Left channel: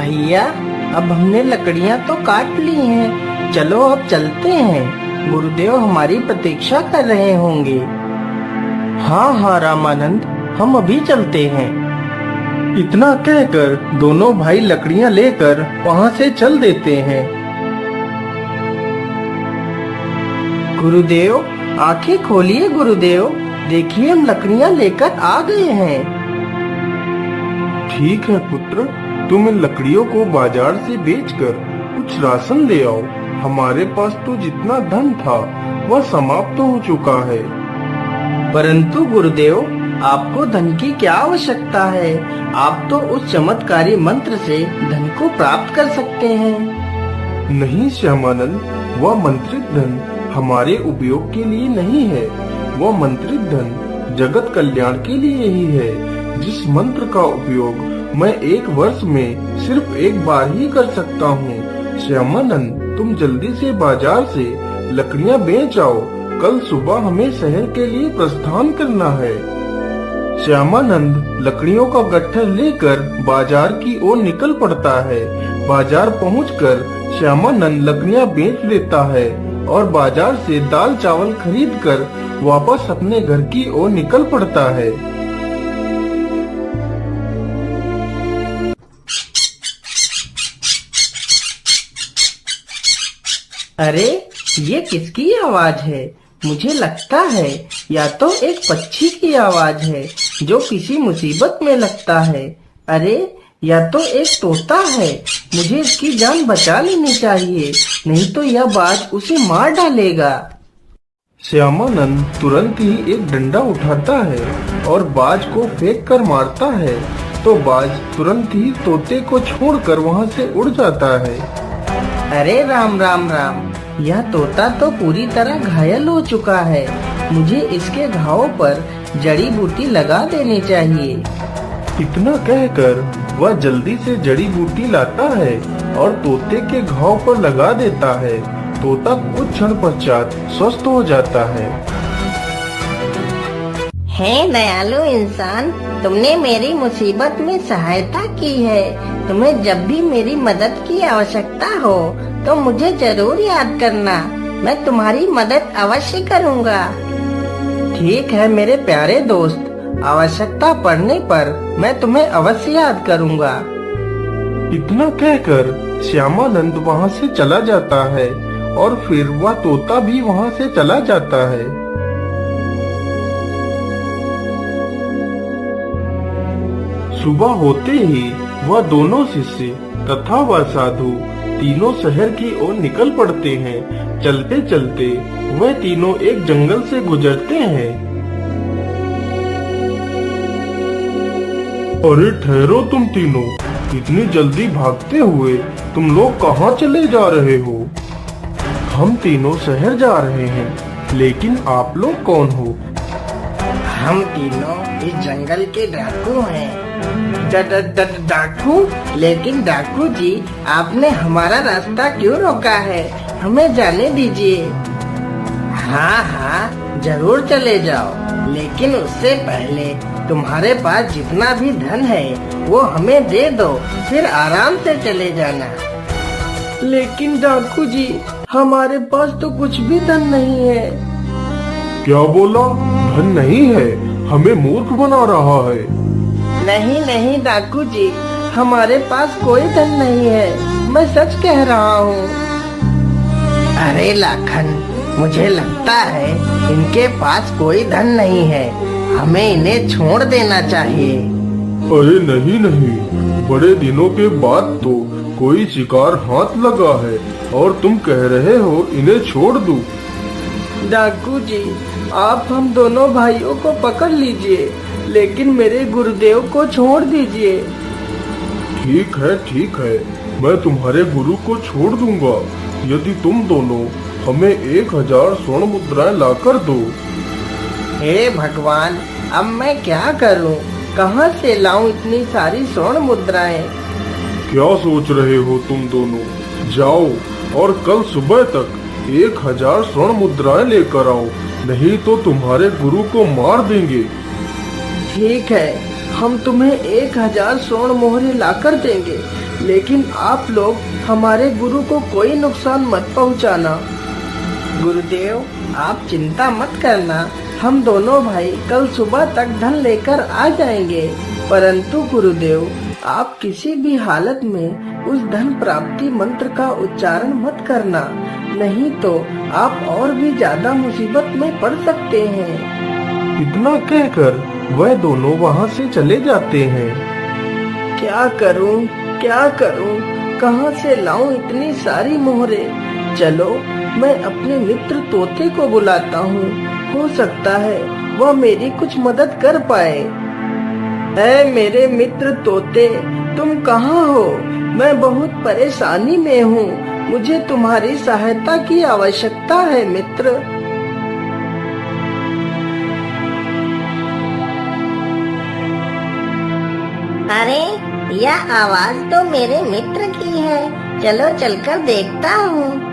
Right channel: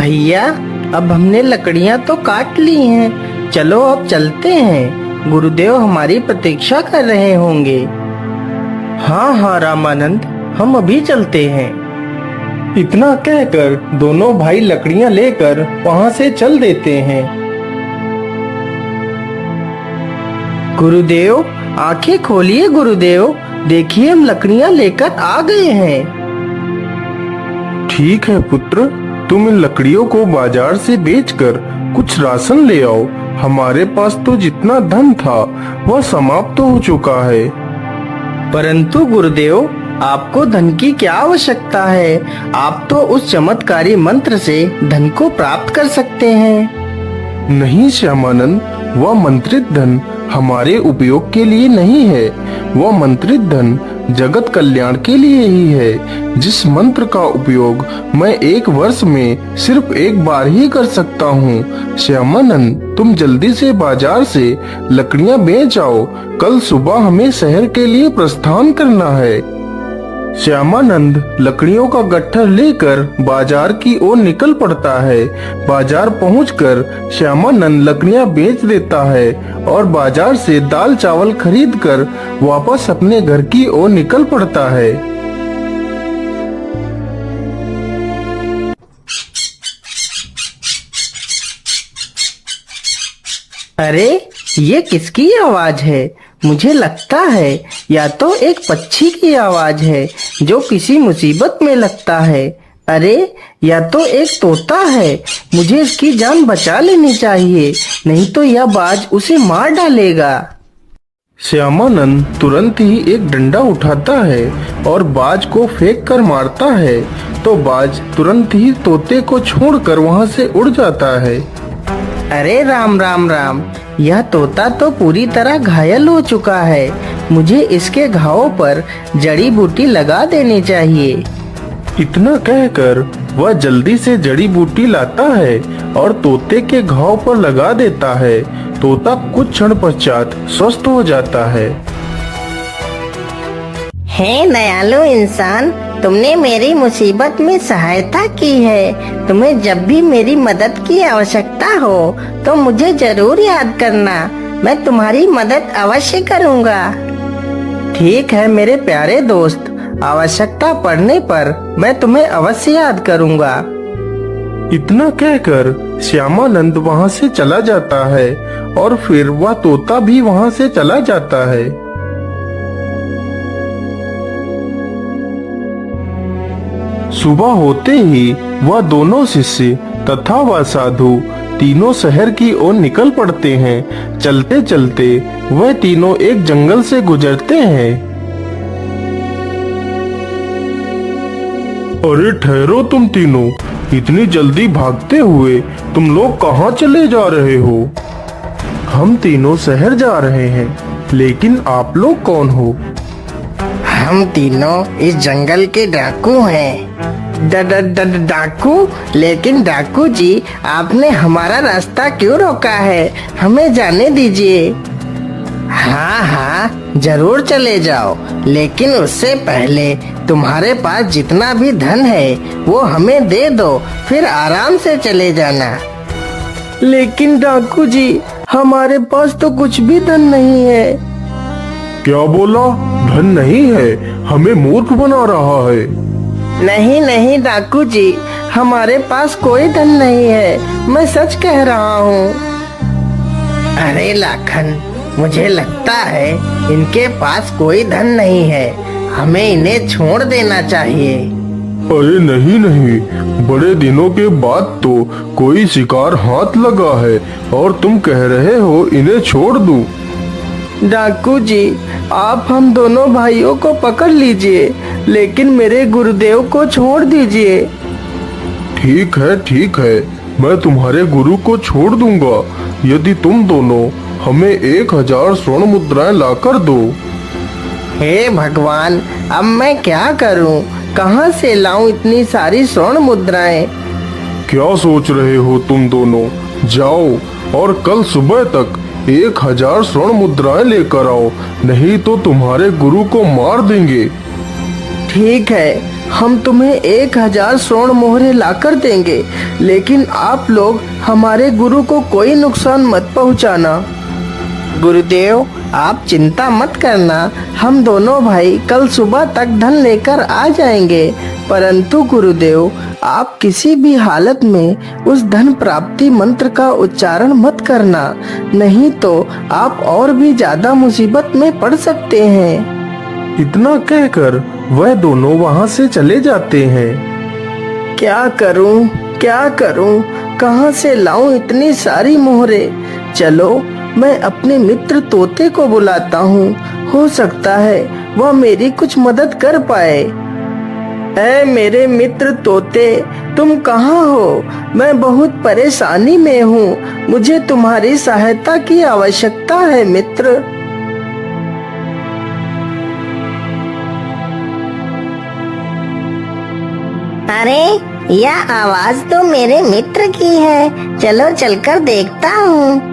भैया, अब हमने लकड़ियाँ तो काट ली हैं, चलो अब चलते हैं। गुरुदेव हमारी प्रतीक्षा कर रहे होंगे। हाँ हाँ रामानंद, हम अभी चलते हैं। इतना कहकर दोनों भाई लकड़ियाँ लेकर वहाँ से चल देते हैं। गुरुदेव, आंखें खोलिए गुरुदेव, देखिए हम लकड़ियाँ लेकर आ गए हैं। ठीक है पुत्र, तुम इन लकड़ियों को बाजार से बेचकर कुछ राशन ले आओ। हमारे पास तो जितना धन था वह समाप्त हो चुका है। परंतु गुरुदेव, आपको धन की क्या आवश्यकता है? आप तो उस चमत्कारी मंत्र से धन को प्राप्त कर सकते हैं। नहीं श्यामानंद, वह मंत्रित धन हमारे उपयोग के लिए नहीं है। वह मंत्रित धन जगत कल्याण के लिए ही है। जिस मंत्र का उपयोग मैं 1 वर्ष में सिर्फ एक बार ही कर सकता हूँ। श्यामानंद, तुम जल्दी से बाजार से लकड़ियाँ बेच आओ। कल सुबह हमें शहर के लिए प्रस्थान करना है। श्यामानंद लकड़ियों का गट्ठर लेकर बाजार की ओर निकल पड़ता है। बाजार पहुंचकर श्यामानंद लकड़ियां बेच देता है और बाजार से दाल चावल खरीदकर वापस अपने घर की ओर निकल पड़ता है। अरे, ये किसकी आवाज है? मुझे लगता है या तो एक पक्षी की आवाज है जो किसी मुसीबत में लगता है। अरे, या तो एक तोता है। मुझे इसकी जान बचा लेनी चाहिए, नहीं तो यह बाज उसे मार डालेगा। श्यामानंद तुरंत ही एक डंडा उठाता है और बाज को फेंक कर मारता है, तो बाज तुरंत ही तोते को छोड़कर वहाँ से उड़ जाता है। अरे राम राम राम, यह तोता तो पूरी तरह घायल हो चुका है। मुझे इसके घावों पर जड़ी बूटी लगा देनी चाहिए। इतना कहकर वह जल्दी से जड़ी बूटी लाता है और तोते के घाव पर लगा देता है। तोता कुछ क्षण पश्चात स्वस्थ हो जाता है। हे दयालु इंसान, तुमने मेरी मुसीबत में सहायता की है। तुम्हें जब भी मेरी मदद की आवश्यकता हो तो मुझे जरूर याद करना। मैं तुम्हारी मदद अवश्य करूँगा। ठीक है मेरे प्यारे दोस्त, आवश्यकता पड़ने पर मैं तुम्हें अवश्य याद करूँगा। इतना कहकर श्यामानंद वहाँ से चला जाता है और फिर वह तोता भी वहाँ से चला जाता है। सुबह होते ही वह दोनों शिष्य तथा वह साधु तीनों शहर की ओर निकल पड़ते हैं। चलते चलते वह तीनों एक जंगल से गुजरते हैं। अरे ठहरो तुम तीनों, इतनी जल्दी भागते हुए तुम लोग कहाँ चले जा रहे हो? हम तीनों शहर जा रहे हैं, लेकिन आप लोग कौन हो? हम तीनों इस जंगल के डाकू हैं। डाकू? लेकिन डाकू जी, आपने हमारा रास्ता क्यों रोका है? हमें जाने दीजिए। हाँ हाँ, जरूर चले जाओ, लेकिन उससे पहले तुम्हारे पास जितना भी धन है वो हमें दे दो, फिर आराम से चले जाना। लेकिन डाकू जी, हमारे पास तो कुछ भी धन नहीं है। क्या बोला? धन नहीं है? हमें मूर्ख बना रहा है। नहीं नहीं डाकू जी, हमारे पास कोई धन नहीं है, मैं सच कह रहा हूँ। अरे लाखन, मुझे लगता है इनके पास कोई धन नहीं है, हमें इन्हें छोड़ देना चाहिए। अरे नहीं नहीं, बड़े दिनों के बाद तो कोई शिकार हाथ लगा है और तुम कह रहे हो इन्हें छोड़ दूं। डाकू जी, आप हम दोनों भाइयों को पकड़ लीजिए, लेकिन मेरे गुरुदेव को छोड़ दीजिए। ठीक है, मैं तुम्हारे गुरु को छोड़ दूंगा यदि तुम दोनों हमें 1000 स्वर्ण मुद्राएं लाकर दो। हे भगवान, अब मैं क्या करूं? कहां से लाऊं इतनी सारी स्वर्ण मुद्राएं? क्या सोच रहे हो तुम दोनों? जाओ और कल सुबह तक 1000 स्वर्ण मुद्राएं लेकर आओ, नहीं तो तुम्हारे गुरु को मार देंगे। ठीक है, हम तुम्हें 1000 स्वर्ण मोहरे लाकर देंगे, लेकिन आप लोग हमारे गुरु को कोई नुकसान मत पहुंचाना। गुरुदेव, आप चिंता मत करना, हम दोनों भाई कल सुबह तक धन लेकर आ जाएंगे। परंतु गुरुदेव, आप किसी भी हालत में उस धन प्राप्ति मंत्र का उच्चारण मत करना, नहीं तो आप और भी ज्यादा मुसीबत में पड़ सकते हैं। इतना कहकर वह दोनों वहां से चले जाते हैं। क्या करूं, कहां से लाऊं इतनी सारी मोहरे? चलो, मैं अपने मित्र तोते को बुलाता हूँ, हो सकता है वह मेरी कुछ मदद कर पाए। ऐ मेरे मित्र तोते, तुम कहाँ हो? मैं बहुत परेशानी में हूँ, मुझे तुम्हारी सहायता की आवश्यकता है मित्र। अरे, यह आवाज तो मेरे मित्र की है, चलो चलकर देखता हूँ।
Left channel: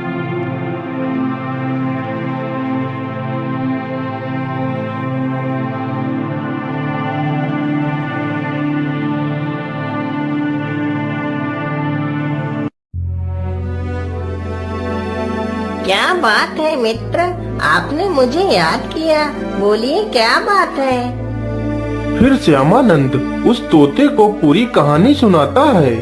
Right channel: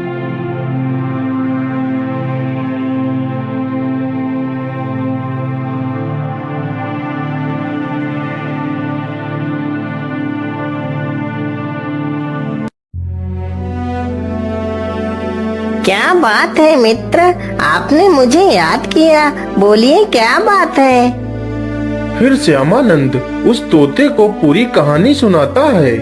क्या बात है मित्र, आपने मुझे याद किया, बोलिए क्या बात है? फिर श्यामानंद उस तोते को पूरी कहानी सुनाता है।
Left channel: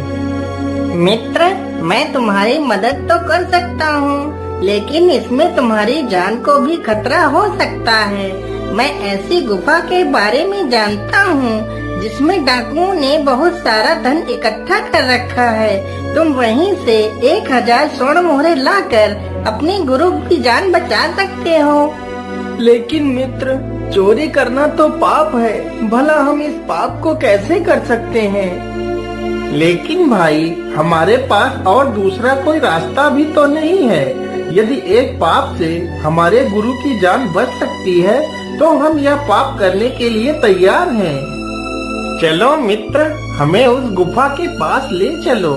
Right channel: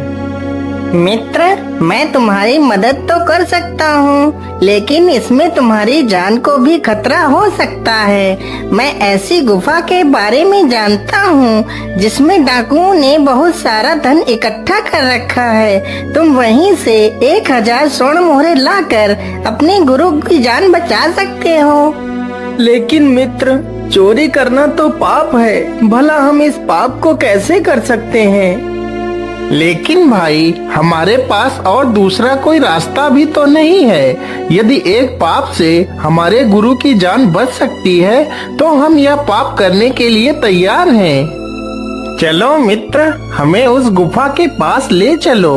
मित्र, मैं तुम्हारी मदद तो कर सकता हूँ, लेकिन इसमें तुम्हारी जान को भी खतरा हो सकता है। मैं ऐसी गुफा के बारे में जानता हूँ जिसमें डाकुओं ने बहुत सारा धन इकट्ठा कर रखा है। तुम वहीं से 1000 स्वर्ण मोहरे लाकर अपने गुरु की जान बचा सकते हो। लेकिन मित्र, चोरी करना तो पाप है, भला हम इस पाप को कैसे कर सकते हैं? लेकिन भाई, हमारे पास और दूसरा कोई रास्ता भी तो नहीं है। यदि एक पाप से हमारे गुरु की जान बच सकती है, तो हम यह पाप करने के लिए तैयार हैं। चलो मित्र, हमें उस गुफा के पास ले चलो।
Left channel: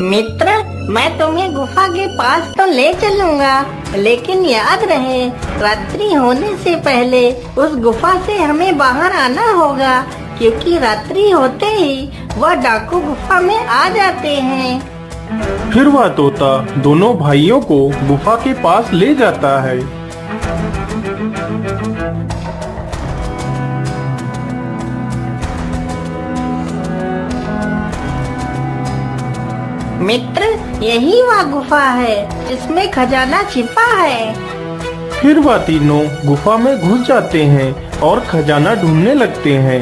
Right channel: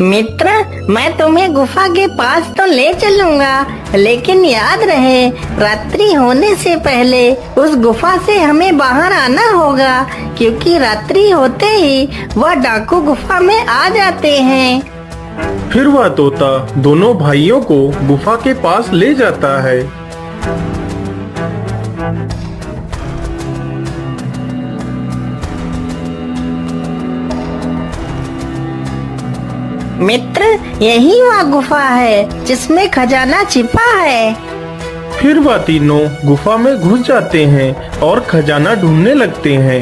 मित्र, मैं तुम्हें गुफा के पास तो ले चलूंगा, लेकिन याद रहे, रात्रि होने से पहले उस गुफा से हमें बाहर आना होगा, क्योंकि रात्रि होते ही वह डाकू गुफा में आ जाते हैं। फिर वह तोता दोनों भाइयों को गुफा के पास ले जाता है। मित्र, यही वह गुफा है जिसमें खजाना छिपा है। फिर वह तीनों गुफा में घुस जाते हैं और खजाना ढूंढने लगते हैं।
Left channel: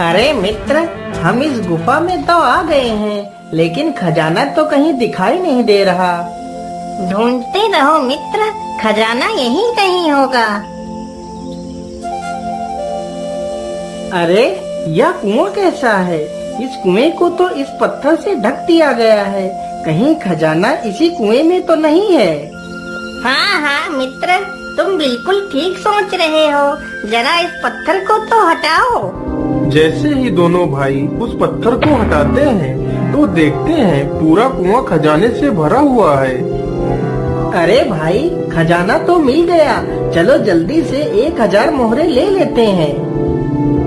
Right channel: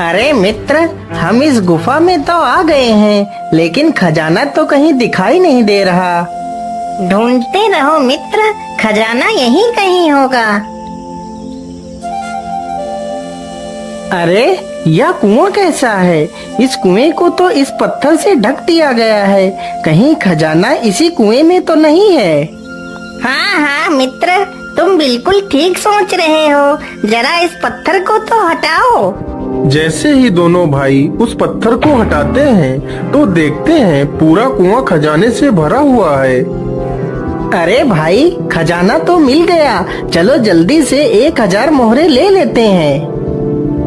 अरे मित्र, हम इस गुफा में तो आ गए हैं, लेकिन खजाना तो कहीं दिखाई नहीं दे रहा। ढूंढते रहो मित्र, खजाना यहीं कहीं होगा। अरे, यह कुआं कैसा है? इस कुएं को तो इस पत्थर से ढक दिया गया है, कहीं खजाना इसी कुएं में तो नहीं है। हाँ हाँ मित्र, तुम बिल्कुल ठीक सोच रहे हो, जरा इस पत्थर को तो हटाओ। जैसे ही दोनों भाई उस पत्थर को हटाते हैं, तो देखते हैं पूरा कुआं खजाने से भरा हुआ है। अरे भाई, खजाना तो मिल गया, चलो जल्दी से 1000 मोहरे ले लेते हैं।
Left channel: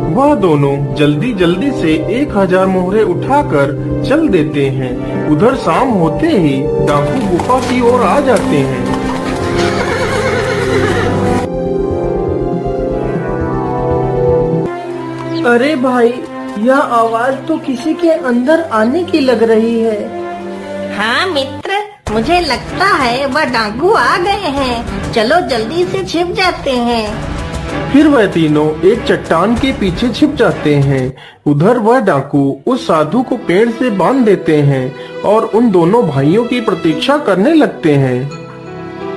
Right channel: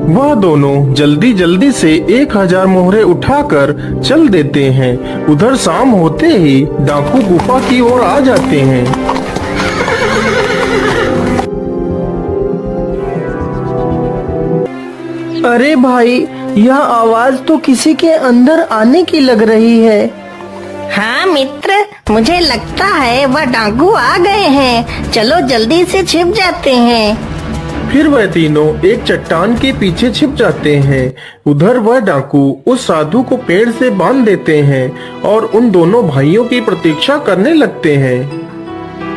वह दोनों जल्दी जल्दी से 1000 मोहरे उठाकर चल देते हैं। उधर शाम होते ही डाकू गुफा की ओर आ जाते हैं। अरे भाई, यह आवाज तो किसी के अंदर आने की लग रही है। हाँ मित्र, मुझे लगता है वह डाकू आ गए हैं। चलो जल्दी से छिप जाते हैं। फिर वह तीनों एक चट्टान के पीछे छिप जाते हैं। उधर वह डाकू उस साधु को पेड़ से बांध देते हैं और उन दोनों भाइयों की प्रतीक्षा करने लगते हैं।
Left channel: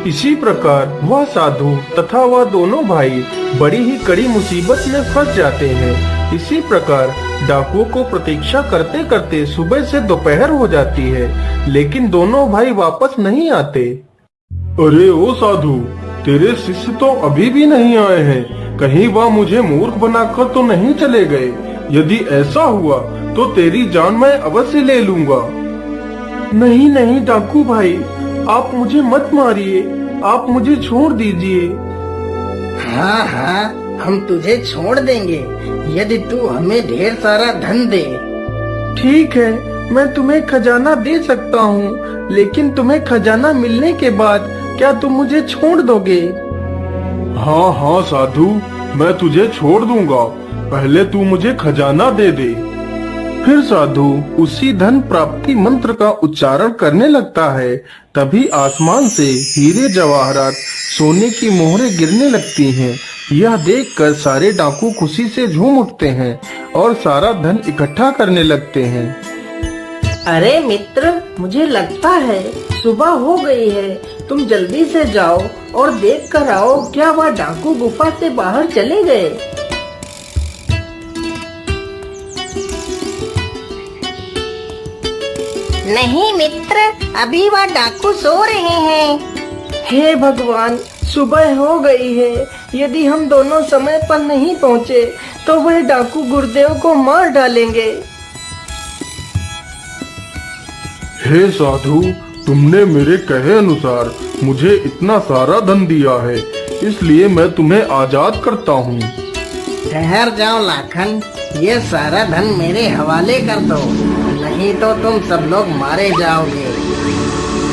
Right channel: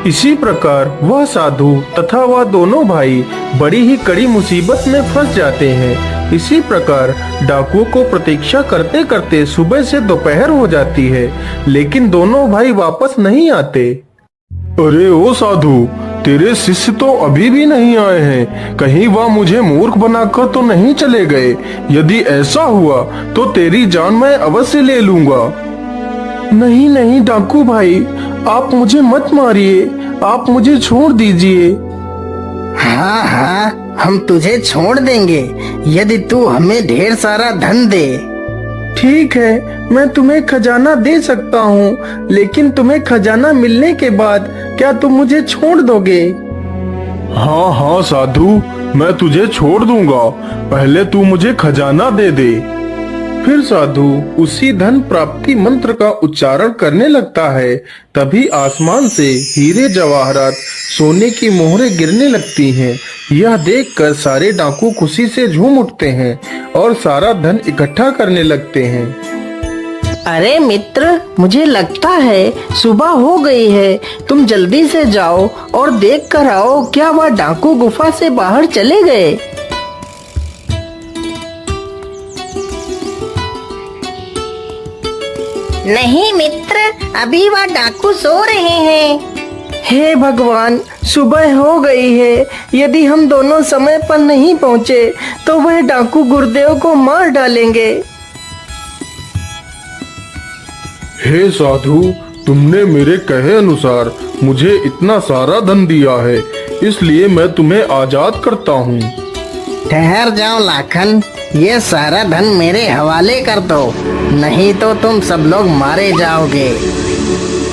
इसी प्रकार वह साधु तथा वह दोनों भाई बड़ी ही कड़ी मुसीबत में फंस जाते हैं। इसी प्रकार डाकुओं को प्रतीक्षा करते करते सुबह से दोपहर हो जाती है, लेकिन दोनों भाई वापस नहीं आते। अरे ओ साधु, तेरे शिष्य तो अभी भी नहीं आए हैं। कहीं वह मुझे मूर्ख बनाकर तो नहीं चले गए? यदि ऐसा हुआ तो तेरी जान मैं अवश्य ले लूंगा। नहीं नहीं डाकू भाई, आप मुझे मत मारिए, आप मुझे छोड़ दीजिए। हाँ हाँ, हम तुझे छोड़ देंगे यदि तू हमें ढेर सारा धन दे। ठीक है, मैं तुम्हें खजाना दे सकता हूँ, लेकिन तुम्हें खजाना मिलने के बाद क्या तुम मुझे छोड़ दोगे? हाँ हाँ साधु, मैं तुझे छोड़ दूंगा, पहले तू मुझे खजाना दे दे। फिर साधु उसी धन प्राप्ति मंत्र का उच्चारण करने लगता है। तभी आसमान से हीरे जवाहरात सोने की मोहरें गिरने लगती हैं। यह देखकर सारे डाकू खुशी से झूम उठते हैं और सारा धन इकट्ठा करने लगते हैं। अरे मित्र, मुझे लगता है सुबह हो गई है। तुम जल्दी से जाओ और देख कर आओ, क्या वह डाकू गुफा से बाहर चले गए? नहीं मित्र, अभी वह डाकू सो रहे हैं। हे भगवान, सुबह हो गई है। यदि हम दोनों समय पर नहीं पहुँचे तो वह डाकू गुरुदेव को मार डालेंगे। हे साधु, तुमने मेरे कहे अनुसार मुझे इतना सारा धन दिया है, इसलिए मैं तुम्हें आजाद करता हूँ। ठहर जाओ लाखन, ये सारा धन मेरे हवाले कर दो, नहीं तो तुम सब लोग मारे जाओगे।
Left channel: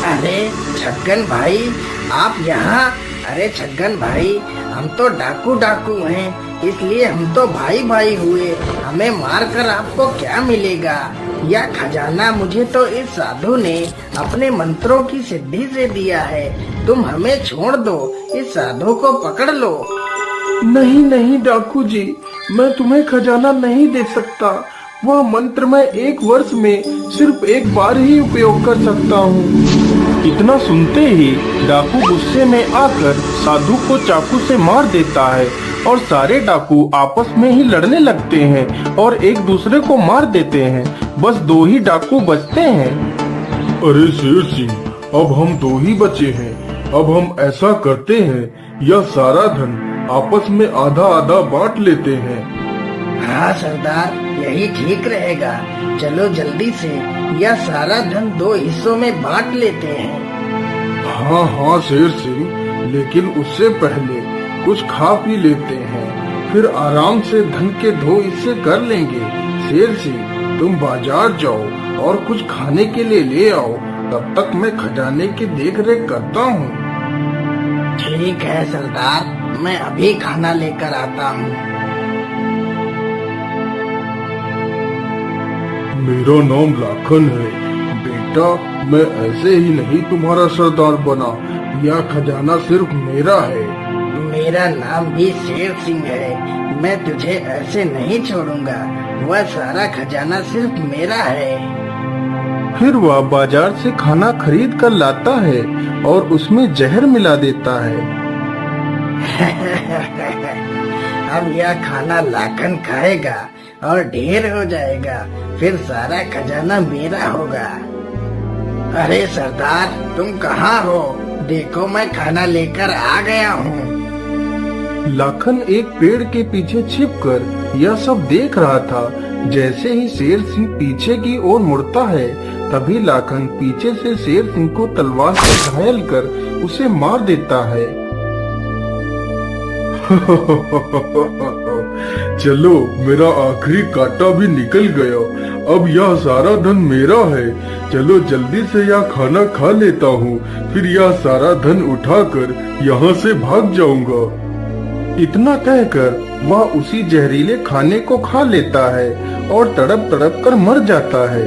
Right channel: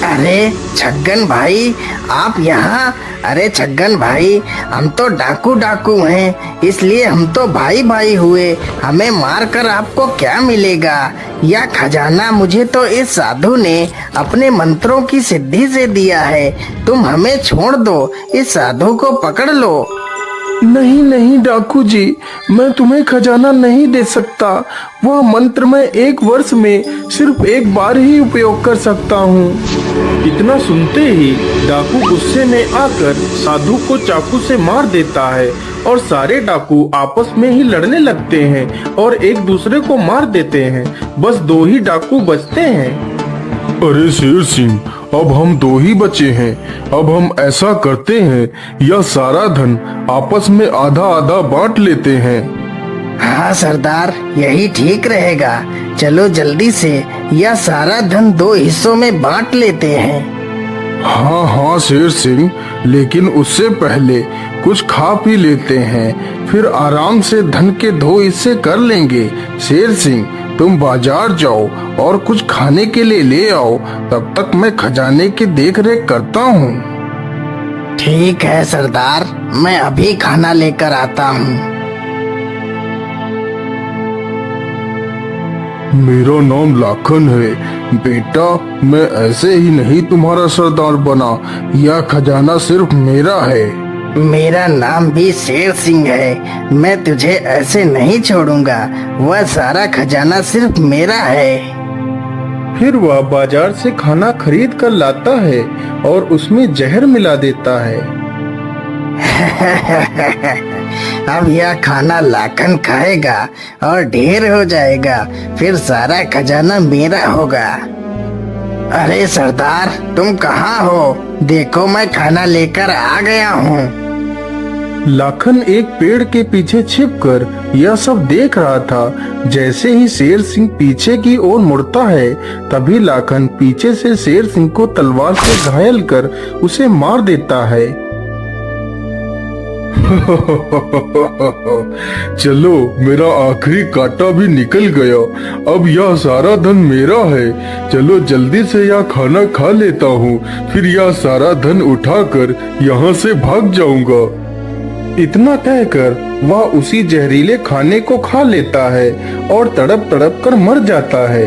अरे छगन भाई, आप यहाँ? अरे छगन भाई, हम तो डाकू हैं, इसलिए हम तो भाई भाई हुए। हमें मार कर आपको क्या मिलेगा? यह खजाना मुझे तो इस साधु ने अपने मंत्रों की सिद्धि से दिया है। तुम हमें छोड़ दो, इस साधु को पकड़ लो। नहीं नहीं डाकू जी, मैं तुम्हें खजाना नहीं दे सकता। वह मंत्र मैं 1 वर्ष में सिर्फ 1 बार ही उपयोग कर सकता हूँ। इतना सुनते ही डाकू गुस्से में आकर साधु को चाकू से मार देता है और सारे डाकू आपस में ही लड़ने लगते हैं और एक दूसरे को मार देते हैं। बस 2 ही डाकू बचते हैं। अरे शेर सिंह, अब हम 2 ही बचे हैं। अब हम ऐसा करते हैं, यह सारा धन आपस में आधा आधा बांट लेते हैं। हाँ सरदार, यही ठीक रहेगा। चलो जल्दी से यह सारा धन 2 हिस्सों में बांट लेते हैं। हाँ हाँ शेर सिंह, लेकिन उससे पहले कुछ खा पी लेते हैं, फिर आराम से धन के 2 हिस्से कर लेंगे। शेर सिंह, तुम बाजार जाओ और कुछ खाने के लिए ले आओ, तब तक मैं खजाने की देखरेख करता हूँ। ठीक है सरदार, मैं अभी खाना लेकर आता हूँ। मेरा नाम लाखन है बेटा, मैं ऐसे ही नहीं तुम्हारा सरदार बना। यह खजाना सिर्फ मेरा है। मेरा नाम भी शेर सिंह है। मैं तुझे ऐसे नहीं छोड़ूंगा। वह सारा खजाना सिर्फ मेरा है। फिर वह बाजार से खाना खरीद कर लाता है और उसमें जहर मिला देता है। अब यह खाना लाखन खाएगा और ढेर हो जाएगा, फिर सारा खजाना मेरा होगा। अरे सरदार, तुम कहाँ हो? देखो, मैं खाना लेकर आ गया हूँ। लाखन एक पेड़ के पीछे छिपकर यह सब देख रहा था। जैसे ही शेर सिंह पीछे की ओर मुड़ता है, तभी लाखन पीछे से शेर सिंह को तलवार से घायल कर उसे मार देता है। चलो, मेरा आखिरी कांटा भी निकल गया। अब यह सारा धन मेरा है। चलो जल्दी से यह खाना खा लेता हूँ, फिर यह सारा धन उठाकर यहाँ से भाग जाऊंगा। इतना कहकर वह उसी जहरीले खाने को खा लेता है और तड़प तड़प कर मर जाता है।